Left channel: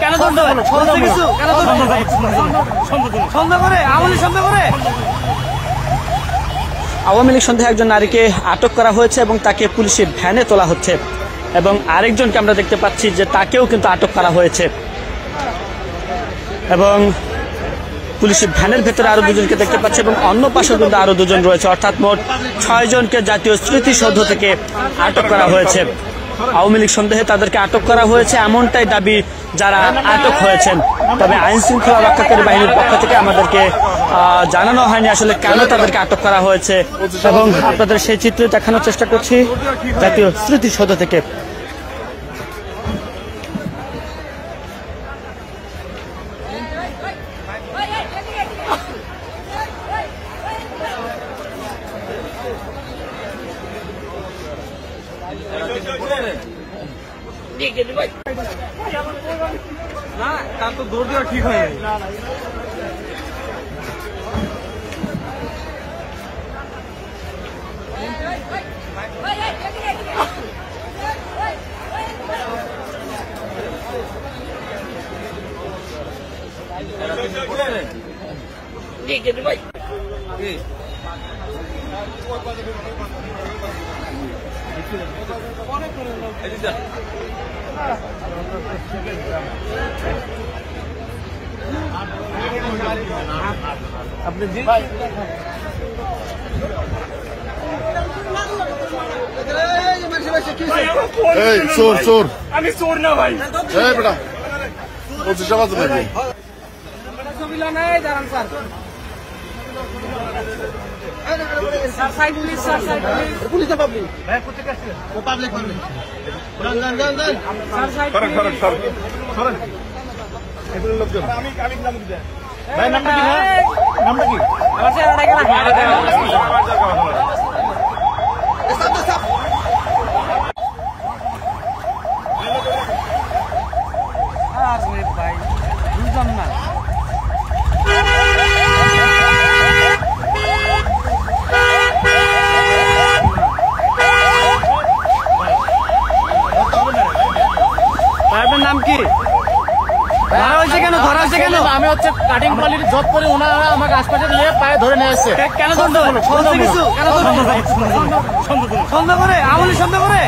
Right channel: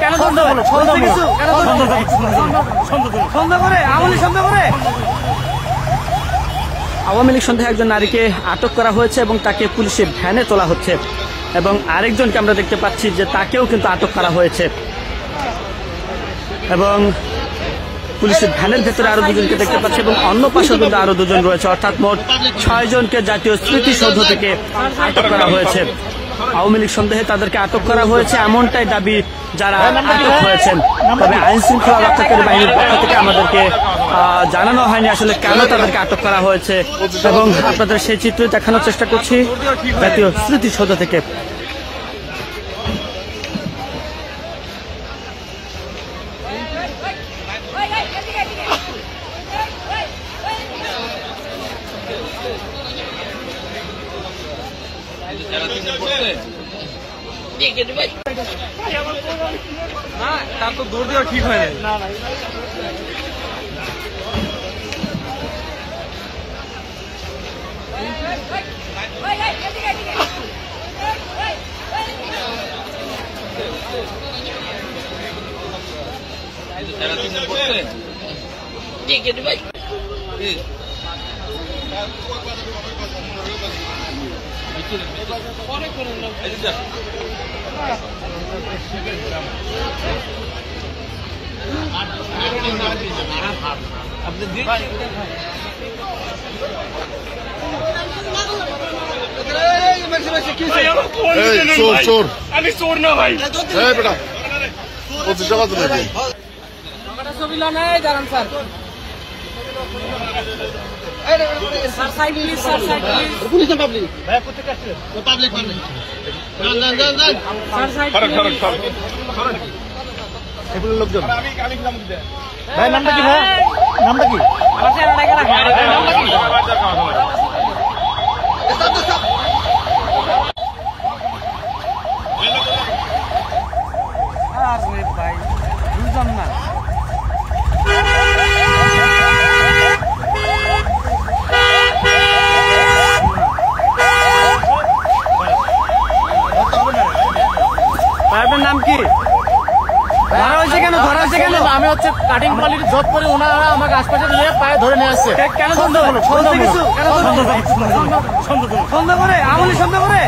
কেন সন্দেহ করে আওয়ামী লীগ সন্দেহে একজন নারীকে আটক করা হয়েছে এবং তাকে পুলিশের ভ্যানে তোলা হচ্ছে এবং আরেকজনকে আমরা দেখতে পাচ্ছি যে তাকেও কিন্তু আটক করা হয়েছে এবং পুলিশের ভ্যানের ভেতরে আরো দুজনকে দেখতে পাচ্ছি এবং অন্য পাশেও কিন্তু আরো দুজন রয়েছে, অর্থাৎ মোট 6 জনকে জাতীয় স্মৃতিসৌধ থেকে আটক করা হয়েছে। আওয়ামী লীগ সন্দেহে তাদেরকে আটক করা হয়েছে এমনটাই দাবি যারা আটক হয়েছেন। তবে আইন শৃঙ্খলা রক্ষাকারী বাহিনীর পক্ষ থেকে আমাদেরকে জানানো হয়নি আসলে কেন তাদেরকে আটক করা হয়েছে এবং আপনাদের সেই চিত্র দেখানোর চেষ্টা করছি জাতীয় স্মৃতিসৌধ থেকে। দৌড় দেওয়া ঠিক হয় নাই। আমি চোর না ভাই, ভাই বুঝলাম না। আপনার নাম কি? ধরা হয়েছে কেন? আমি হচ্ছে কাটিং কোয়ালিটি জব করে, ওনারা আমাকে আশপাশে নিয়ে পায়ে ধরে নিয়ে আসছে। কেন সন্দেহ করে? আওয়ামী লীগ সন্দেহ করে?